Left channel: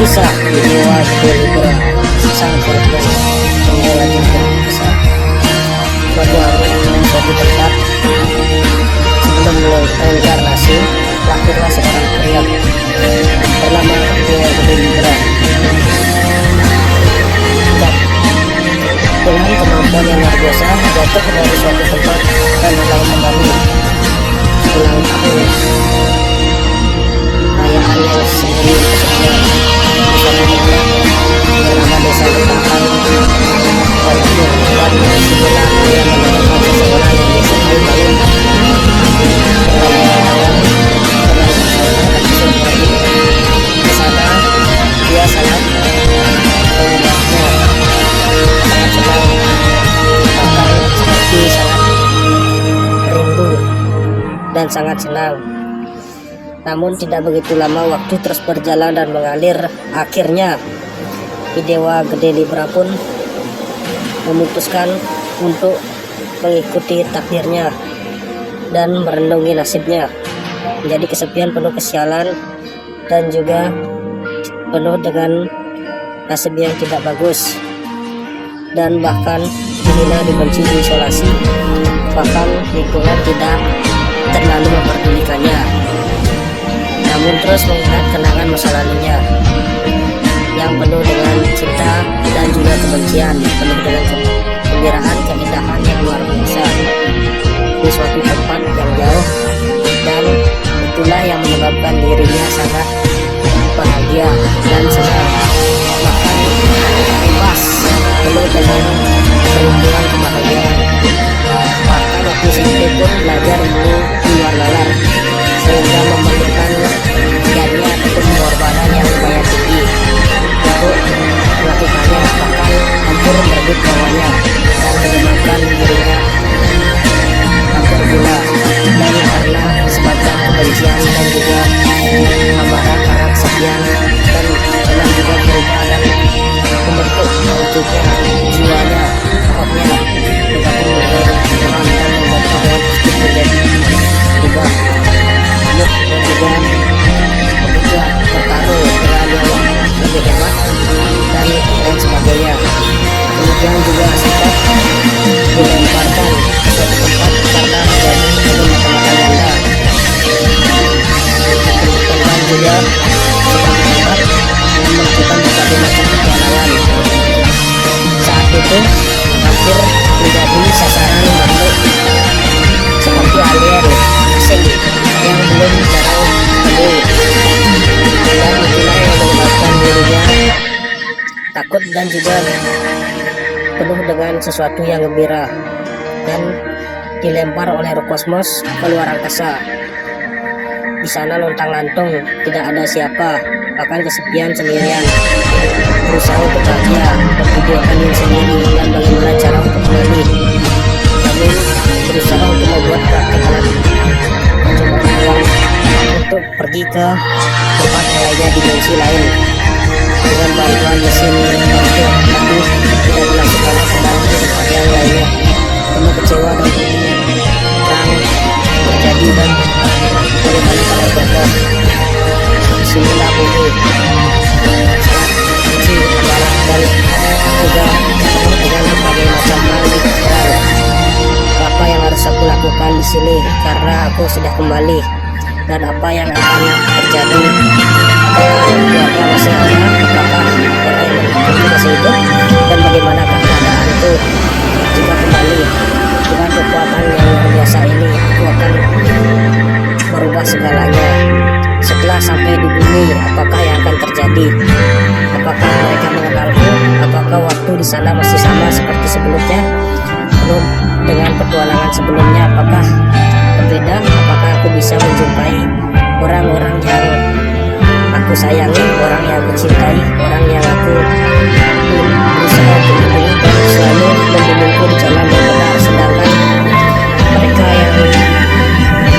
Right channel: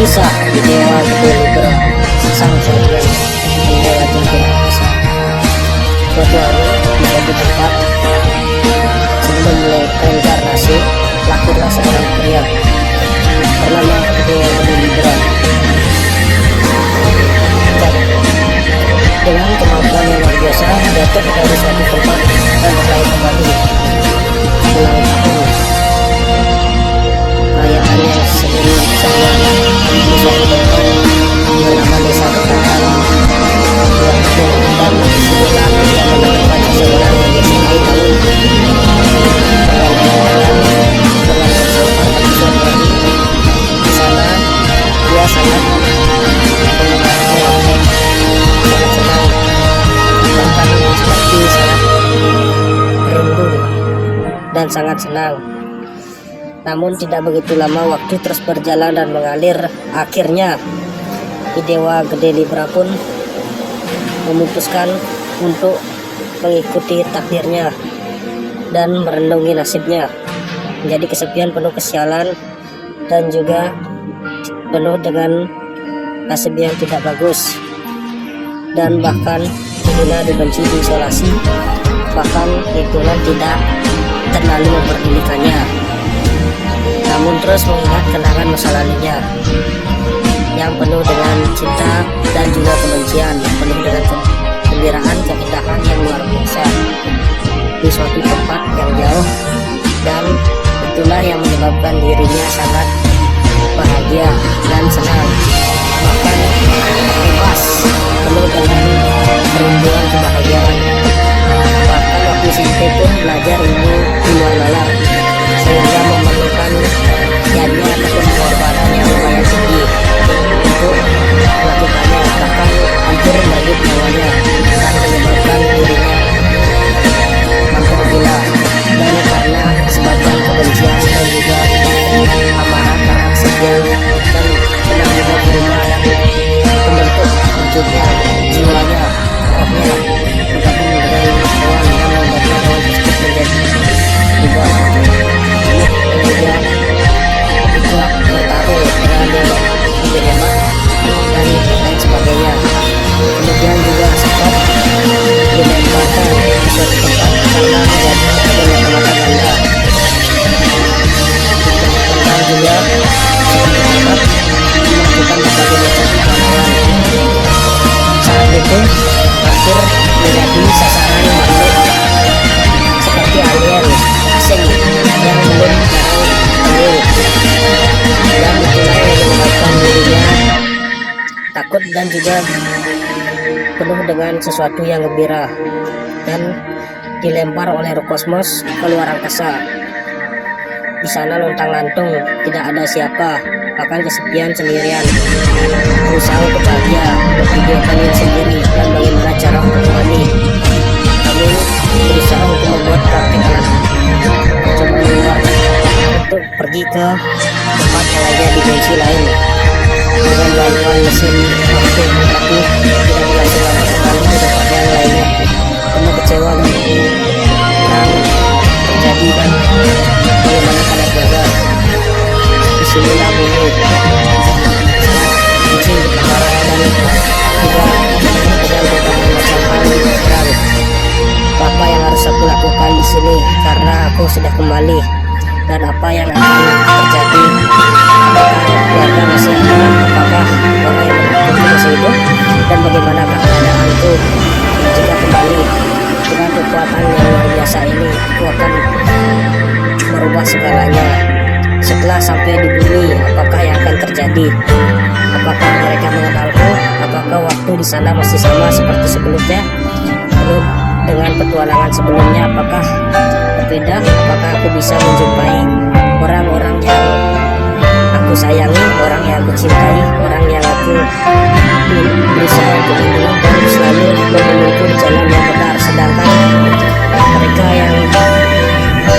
Kisah di Dewa Gede Libra, sang guardian pembela jagat angkasa. Suatu hari di suatu tempat, sebelum reinkarnasi, lahirlah seorang pria bernama Dewa Gede Libra. Dengan kemampuan yang luar biasa, jatuh dari suatu tempat dan berlari kembali ulang tahun perayaan yang sendiri kesekian di suatu tempat bernama Desa Ketakan dan disitulah dia menemukan seseorang yang disihai bangun bergandengan tangan dengan bersumpah. Tapi suatu hari di sana dia sangat mengingatnya, sangat senang, bahkan seperti sangat rindu dan sangat senang. Namun tidak begitu lama waktu terus berjalan dan mengalir. Akhirnya Ki Dewa Gede Libra pun memutuskan untuk mengikuti takdirnya dan merenungi nasibnya. Menjadi kesepian, penuh kesialan, dan juga penuh dengan nasib yang tidak bagus, dan bahkan dihina, dibenci, diisolasi, bahkan lingkungan tidak terlalu memperdulikannya. Namun terus mengingat kenangan masa lalunya yang penuh dengan cinta dan juga kebencian, penuh dengan kegembiraan, keindahan yang luar biasa di suatu tempat yang jauh, dan itulah yang menyebabkan dirinya sangat bahagia dan senang, bahkan bebas, penuh dengan kerinduan kebahagiaan. Bahkan waktu SMP pun belajar ilmu di luar nalar, sehingga memerlukan jadinya ataupun pengorbanan yang lumayan tinggi untuk melakukannya, bahkan hampir merebut nyawanya dan menyebabkan dirinya hampir gila. Dan karena disebabkan kebencian dan juga amarah karena kesepian, dan pernah juga berubah dan membentuk wujudnya, jiwanya, rohnya bergabung dengan hewan dan membuat hewan tersebut menjadi berubah dan juga ikut bertaruh dengan yang lebih hebat dan lain sebagainya. Kemudian juga sempat dilemparkan ke suatu tempat karena menjadi agen mata-mata ganda. Ditemukan juga seperti tempat melakukan berbagai macam petualangan. Saat itu hampir menjadi sasaran makhluk seperti alien asing yang belum jarang temui, dan itulah yang menyebabkan dirinya takut dan juga penuh dengan sesuatu yang gembira, dan dilempar oleh roh kosmos ke luar angkasa. Di sana lontang-lantung, tidak ada siapa, bahkan kesepian, sendirian, berusaha untuk bahagia, memvideokan diri sendiri dan bagaimana cara untuk kembali. Namun berusaha untuk membuat praktik alat percobaan di luar untuk pergi ke tempat yang lainnya, dimensi lain, dengan bantuan mesin waktu, tapi tidak berlangsung lama kembali di tempat yang lainnya. Penuh kecewa dan perang terjadi, dan bagaimana pada keluarga. Disinilah bumi sangat benci, amarah, dan juga penuh dengan berbagai macam hal di pikiran. Apa yang harus aku lakukan di sini karena aku sudah kembali, dan apa yang akan terjadi? Apakah keluarga masih ada? Apakah orang yang mendukungku masih hidup? Dan bagaimanakah keadaanku jika kembali? Dengan kekuatan yang luar biasa ini, aku akan merubah segalanya. Setelah sampai di bumi, apakah yang akan terjadi? Apakah mereka mengenalku? Apakah waktu di sana masih sama seperti sebelumnya? Belum dengan petualangan sebelumnya, apakah berbeda? Apakah aku bisa menjumpai orang-orang yang aku sayangi, orang yang aku cintai, orang yang aku berusaha untuk lindungi dan selalu membimbingku di jalan yang benar, sedangkan mereka yang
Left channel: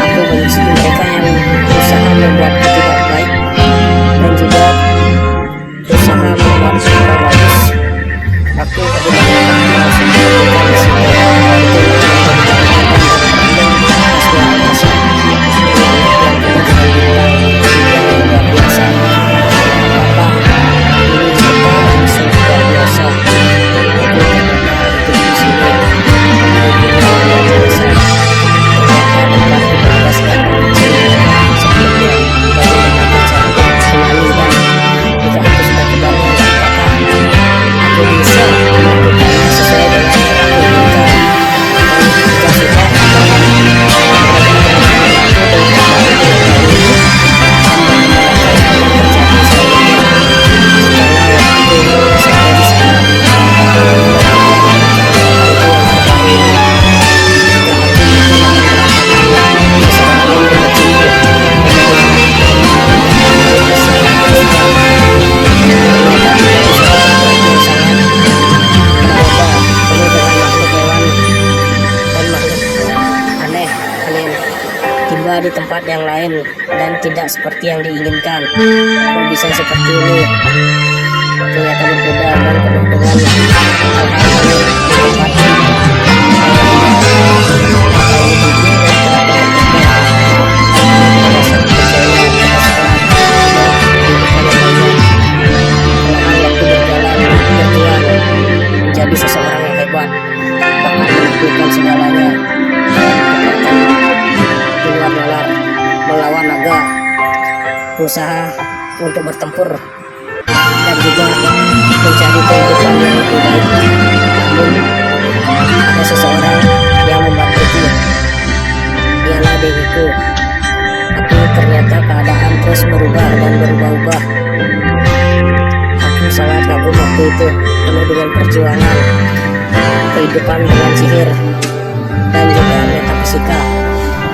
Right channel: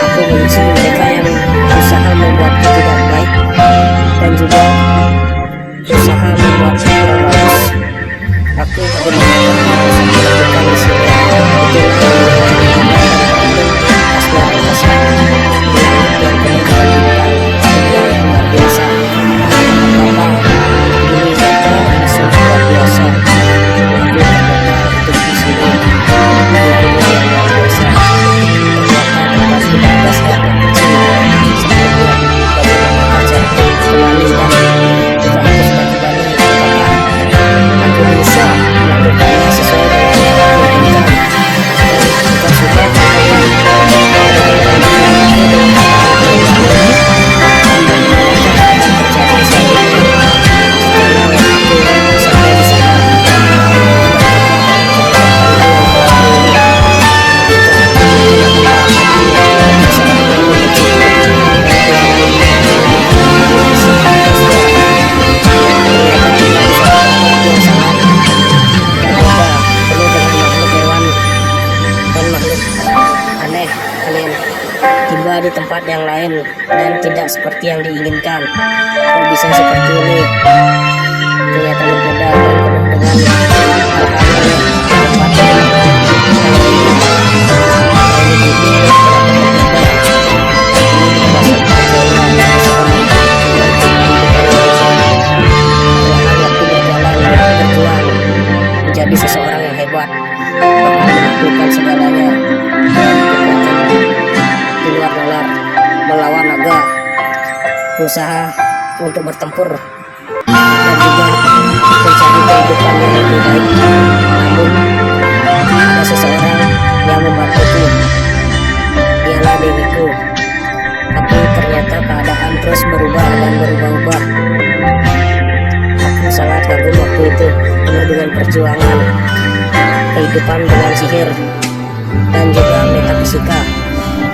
aku benci, mereka yang berusaha membuatku tidak baik dan juga berusaha membuatku kurang bagus, aku bagaimana harus melakukan di sini? Itulah yang menjadi kebingungan dan problem atas luar angkasa di langit yang penuh dengan bintang yang luar biasa. Apakah di tempat yang lain dan tidak seperti yang diinginkan. Kok bisa seperti ini? Ternyata berbeda dan penuh dengan hal-hal aneh di tempat yang ini bumi dan kenapa berbeda. Ini kita rasa percaya seseorang tidak kehidupan yang lainnya. Perlahan waktu berjalan, berjuang menjadi seseorang yang hebat, bahkan menaklukkan segalanya dan kekuatan di luar nalar, melawan naga, berusaha untuk bertempur dan juga mencari kehidupan yang lebih baik. Namun ada seseorang yang membantuku, dialah dewiku. Tapi ternyata keadaan terus berubah dan berubah-ubah. Aku sangat kagum waktu itu, penuh dengan perjuangan, kehidupan dengan sihir, dan juga metafisika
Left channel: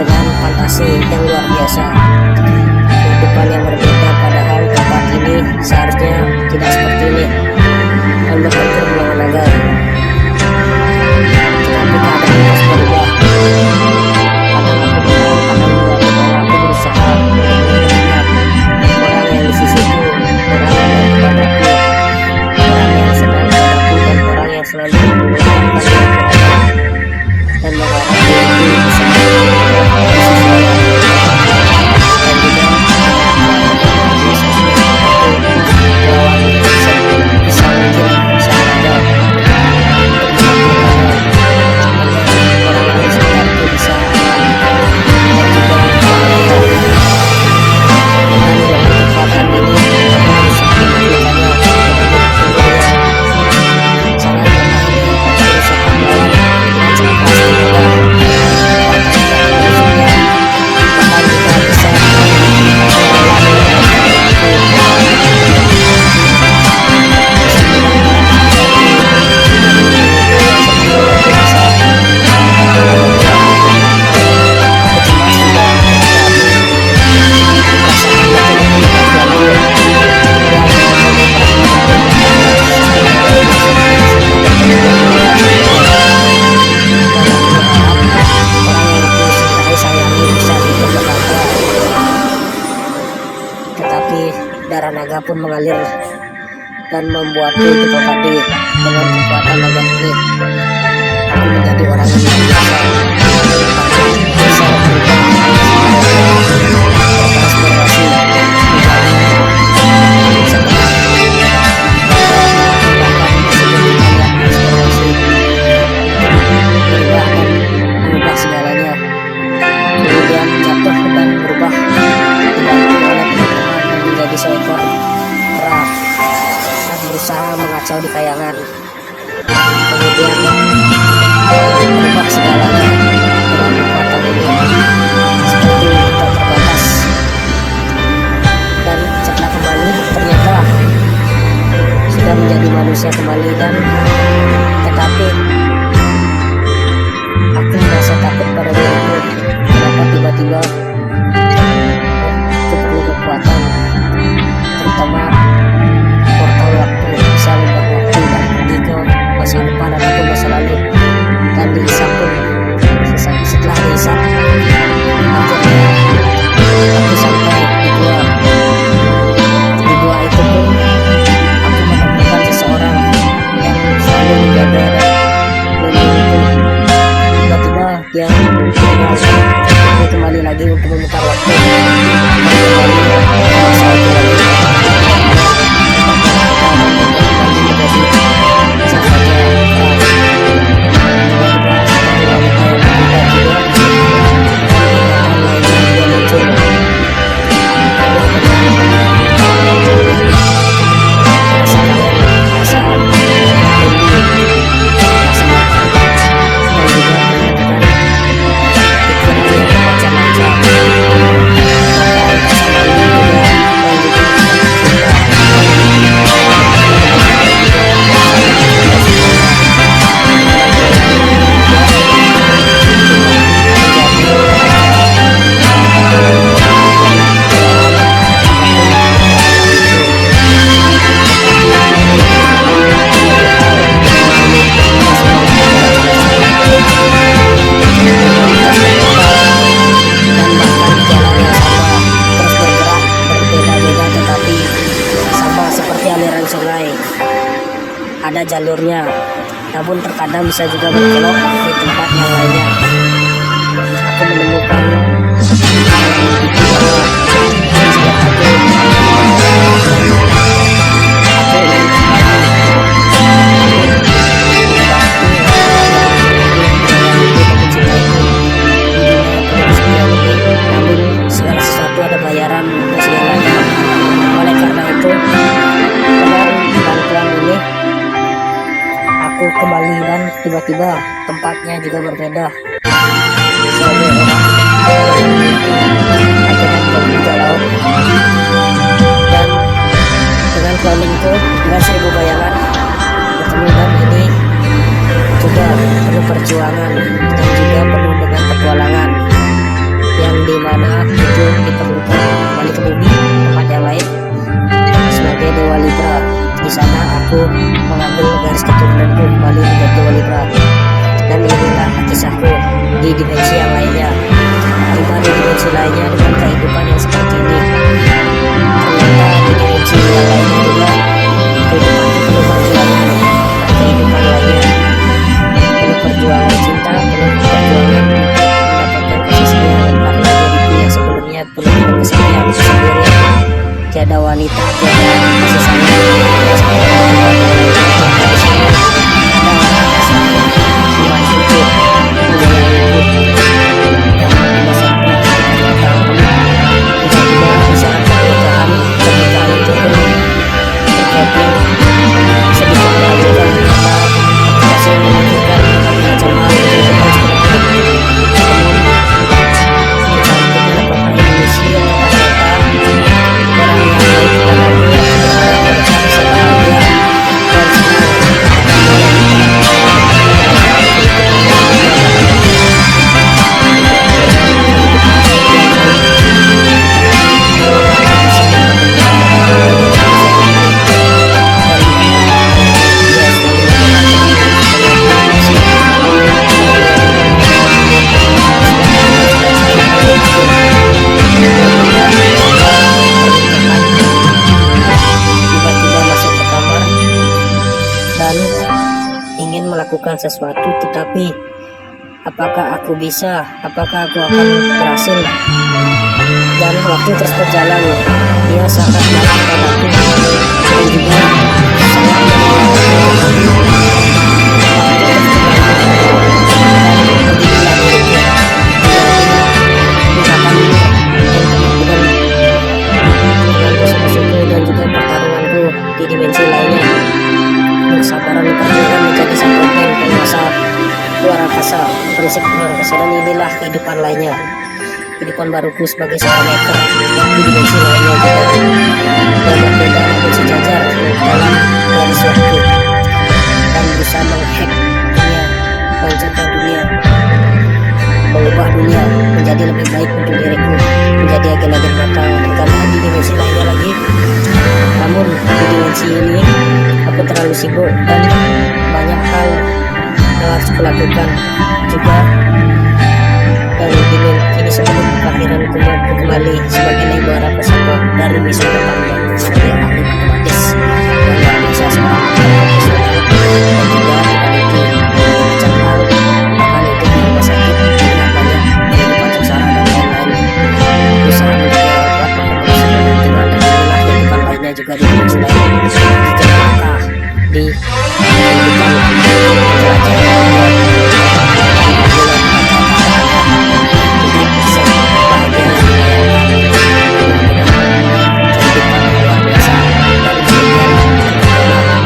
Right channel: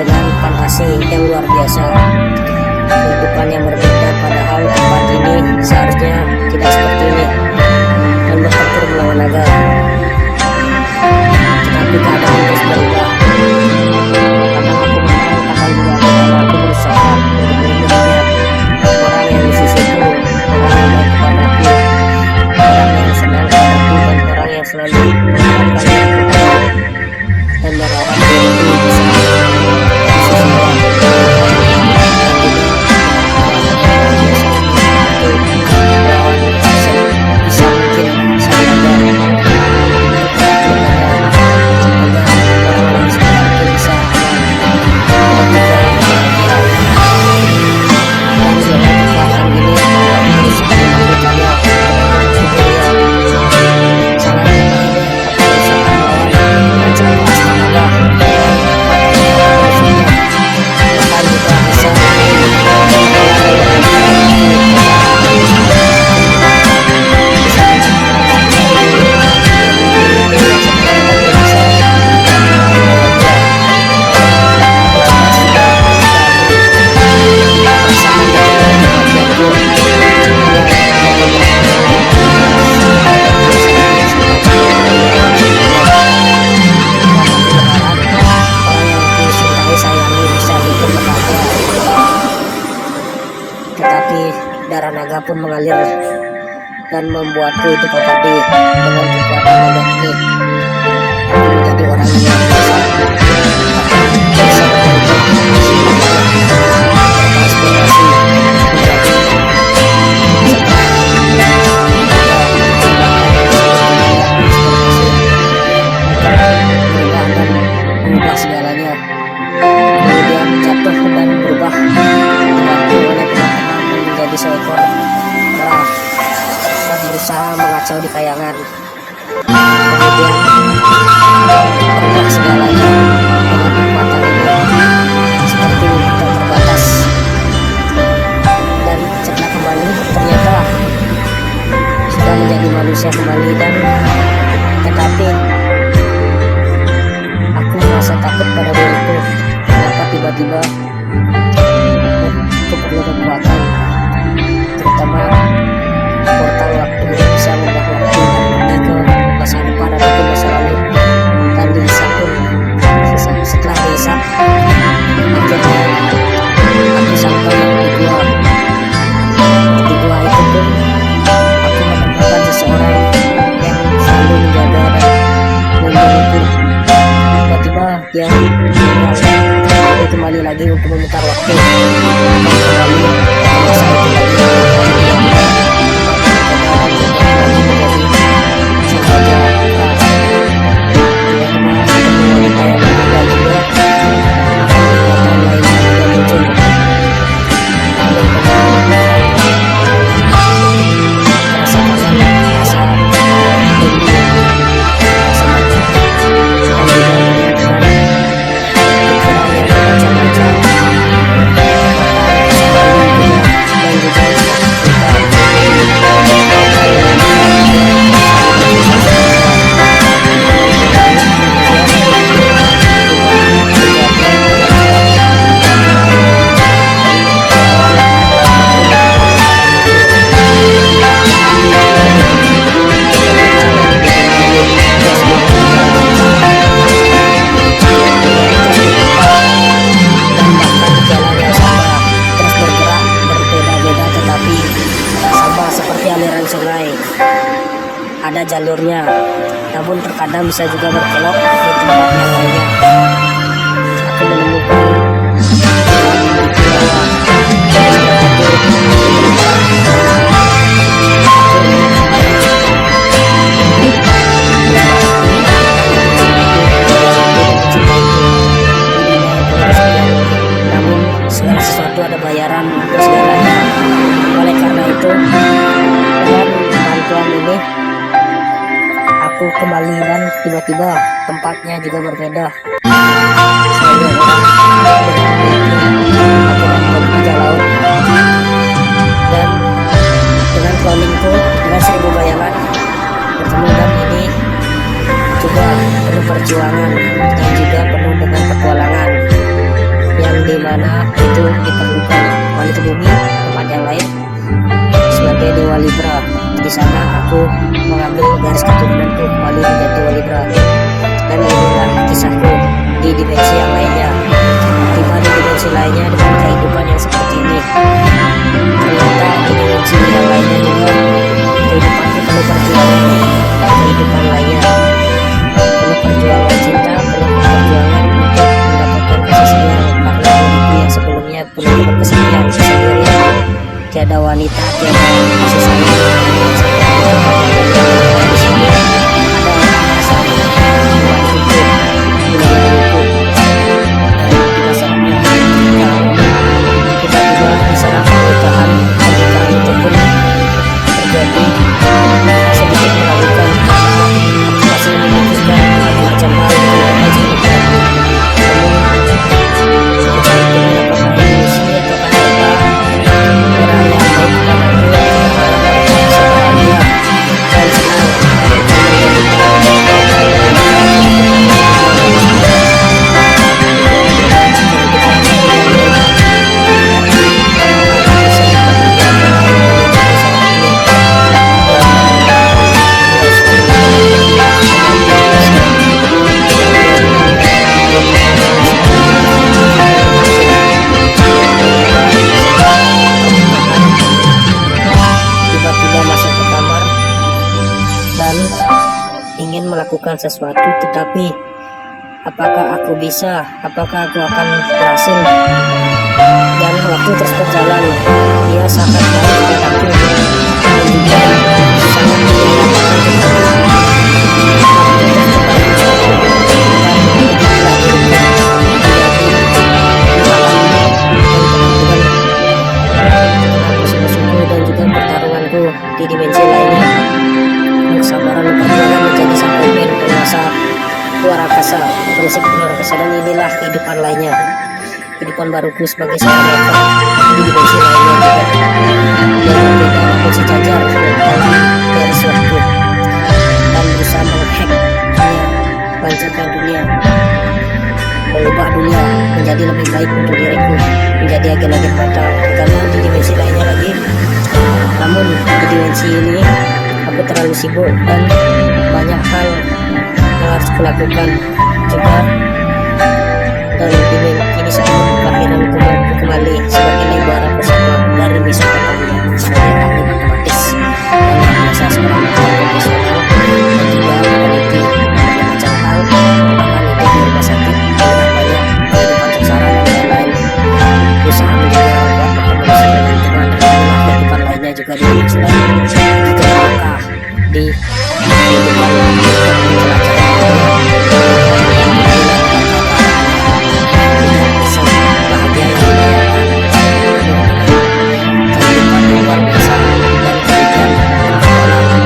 dengan fantasi yang luar biasa. Kehidupan yang berbeda, padahal tempat ini seharusnya tidak seperti ini dan bertempur melawan naga. Tetapi keadaan terus berubah. Kadang aku menang, kadang juga bukan. Aku berusaha untuk melihat orang yang di sisiku, orang yang baik kepadaku, orang yang senang padaku, dan orang yang selalu mengharapkan diriku ada dan berharap diriku bisa di sisinya. Dan juga dengan kekuatan yang luar biasa ini, aku melawan bisa mungkin sang naga untuk menaklukkannya, agar orang-orang di sekitarku bisa aman dan juga bahagia. Dan dengan kekuatan ini aku berusaha menaklukkannya dengan tubuh yang sangat lemah ini. Aku berusaha melawan dengan sekeras tenaga dengan kekuatan yang aku menusuknya, bahkan juga bisa mengelola dengan tanganku, bisa menangani orang di sekitarku dan memiliki yang sebenarnya aku bisa melawannya. Aku cemas juga ketika aku merasakan bagaimana kematianku yang beberapa dan aku berharap orang yang aku cintai sayangi bisa hidup bahagia. Tetapi darah naga pun mengalir dan membuatku hidup abadi. Dengan kekuatan naga ini aku menjadi orang yang luar biasa, bahkan bisa berubah setelah itu bertransformasi menjadi setengah naga, bahkan disebut dunia transformasi, berubah dan mengubah segalanya. Kemudian jatuh dan berubah dibantu oleh teman-teman dan menjadi seekor kera dan berusaha mengacau di kayangan. Kemudian berubah segalanya dengan kekuatan ini seperti tak terbatas. Dan setelah kembali ternyata sudah menjadi manusia kembali, dan tetapi aku merasa takut pada diriku. Kenapa tiba-tiba aku perlu kekuatan, terutama portal waktu, bisa mengubah waktu dan pergi ke masa depan ataupun masa lalu. Dan dihisap pun, setelah dihisap akhirnya aku sampai di gua. Di gua itu pun aku menemukan seseorang yang selalu menjaga dan melindungiku. Tiba-tiba dia meninggalkan. Aku kembali lagi untuk memutar waktu dan kembali ke masa itu lagi. Tiba-tiba tempat yang berbeda dan berubah kembali menjadi sang raja keras. Tiba-tiba ketemu wanita yang berbeda juga, dan ingatan lainnya juga muncul. Teman-teman, rasa kangen, rasa rindu, rasa lapar, dan juga dengan pikiran yang bermacam-macam, bahkan rasa malu juga, dan juga aliran sungai, ada jalurnya, namun terkadang bisa juga berkelok di tempat yang lainnya. Aku menemukan di bawah salah satu tempat dan aku ingin kembali membantu orang yang memiliki dan mencintaiku di dunia yang penuh kesepian ini. Namun segala sesuatu ada bayaran untuk segalanya. Oleh karena itu, dengan bantuan ini aku kembali dan tiba-tiba tempatnya juga berbeda. Sebagai orang dengan mimpi akhirnya menuju laut, dan dengan clowningku dengan 1000 bayangan bertemu, dan ini juga penuh perjuangan dan juga penuh dengan petualangan yang dimana itu diperlukan kembali ke bumi, tempat yang lain sebagai Dewa Libra. Di sana aku mengambil garis keturunanku kembali menjadi Dewa Libra, dan inilah kisahku di dimensi yang lainnya. Tiba di dimensi lainnya dengan kehidupan yang seperti ini. Ternyata di dimensi yang lainnya juga kehidupanku penuh perjuangan, dan kehidupan lainnya penuh perjuangan cinta, penuh perjuangan untuk mendapatkan kasih sayang, karena diriku yang sebelumnya penuh dengan kesepian, kesendirian, tiada wanita, tiada kasih sayang. Di sini ada orang yang sangat membantuku, menyayangiku, dan pada saatnya tiba-tiba di sana pernikahan itu pun terjadi sedikit meragukan, karena aku masih memikirkan berbagai macam hal yang kehidupan sebelumnya. Namun kecantikan apakah ilusi atau nyata, orang yang baik kepadaku, aku berharap mereka bisa bahagia dan senang dengan kita. Tiba-tiba masuk ke kamar dan ingin melakukan sesuatu, tetapi apakah aku bisa, apakah aku akan berhasil? Dan waktu terus berjalan, dia sangat baik kepadaku dan juga sangat menyayangiku, tetapi waktu terus berlalu dan beginilah diriku menjadi tindakan dan dengan musuh-musuhku dan juga pertarunganku di dimensi lainnya. Kesabaran dan perjuangan menjadi sang pemimpin penguasa luar angkasa, prinsip luar angkasa, dan inilah kehidupan lainnya, kehidupan baruku sebagai seorang hacker di dimensi lainnya juga yang berbeda namun sejajar dalam garis waktu, dan berusaha menghack dunia, menghancurkan dunia, mengubah dunia menjadi lebih baik untuk diriku, menjadi agen-agen matang. Karena di dimensi lainnya lagi, namun di dimensi ini aku terlalu sibuk dan banyak hal yang harus kulakukan juga. Dan ini sebelum kelahiran kembali sebagai Libra Pusaka dari Mesopotamia, sebagai ahli matematis yang luar biasa, seorang dokter profesional dan juga meneliti berbagai macam hal, bahkan itu di rumah sakit melihat banyak kehidupan sengsara dan lain-lain, berusaha menjadi orang kuat untuk manusia dan Tuhan. Dan inilah kehidupan lainnya juga di dimensi lain, di tengah di kehidupan untuk menjelajah dunia, dan beginilah tentang keadaannya tidak sebahagia yang dibayangkan, dengan kehidupan yang luar biasa dan kemudian petualangan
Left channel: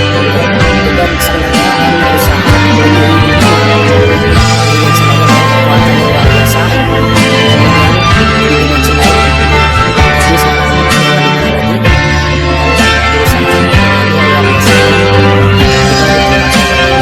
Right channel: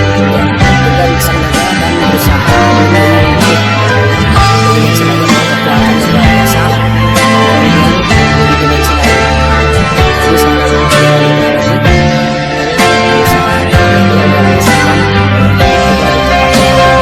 dengan sang naga dan berusaha melindungi diri di dimensi lain dengan kekuatan yang luar biasa. Kemudian di dimensi lain jadi seorang dewa Libra lagi dan berusaha menjadi yang luar biasa dan juga di tempat yang berbeda.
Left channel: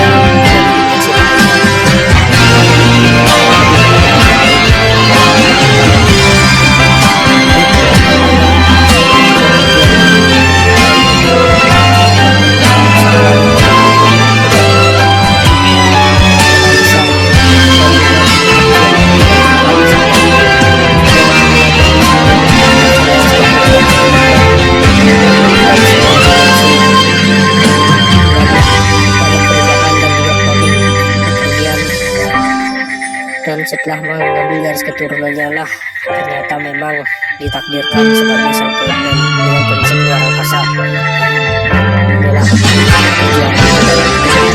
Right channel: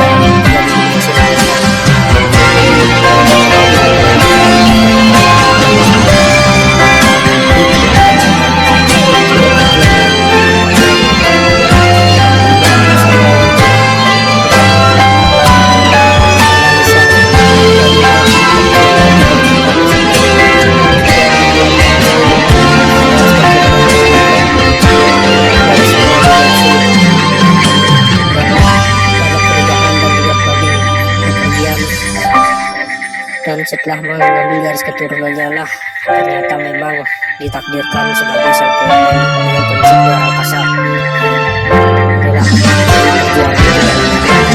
setelah mengambil garis keturunannya lah, ternyata memang ditakdirkan sebagai sang pengamen dengan prinsip luar angkasa. Inilah perjuangan itu dalam hidup.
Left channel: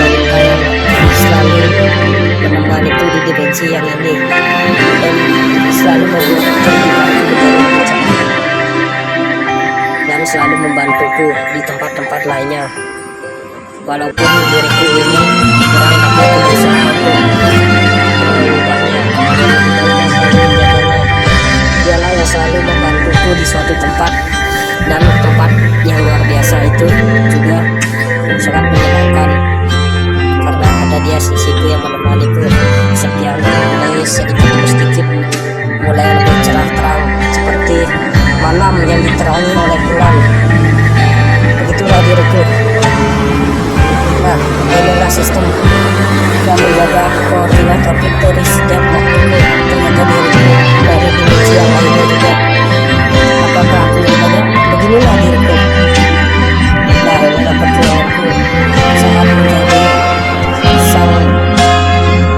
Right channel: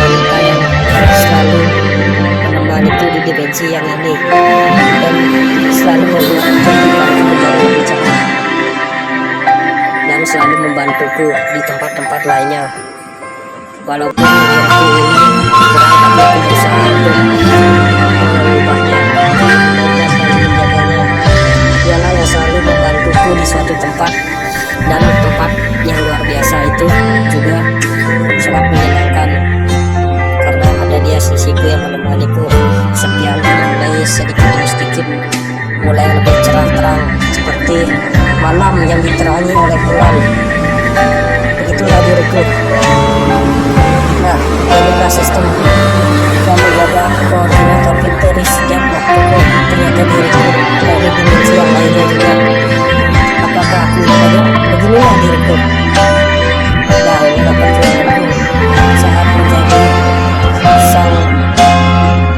Wanita yang selalu menemani itu di dimensi yang ini dan selalu membuat kehidupanku menjadi lebih cerah dan selalu membantuku di tempat-tempat lainnya. Walaupun diriku ini kurang, tapi aku berusaha untuk mengubahnya dan lebih baiknya selalu menjaganya. Dialah yang selalu membantuku di suatu tempat, dan tempat yang luar biasa itu juga sangat menyenangkan karena ada dia sisiku yang menemaniku. Sepianku mulai sedikit demi sedikit mulai lebih cerah terang seperti malam yang diterangi oleh bulan. Begitulah diriku. Nah, inilah sistem yang menjaga koordinat orbit dari setiap waktuku. Ternyata diriku dari dimensi yang lainnya juga. Apakah aku banyak? Beginilah diriku. Nah, inilah perjuanganku saat menjadi sang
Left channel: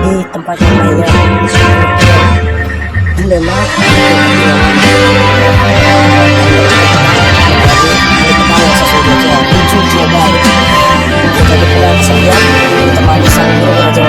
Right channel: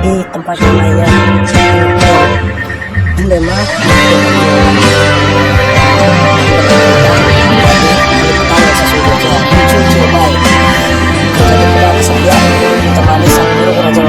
di tempat yang lainnya. Dilema perjuangan dan menjadi ahli pedang yang sesungguhnya. Muncul Jedi menjadi pedang kesepian ditemani sang guru kerajaan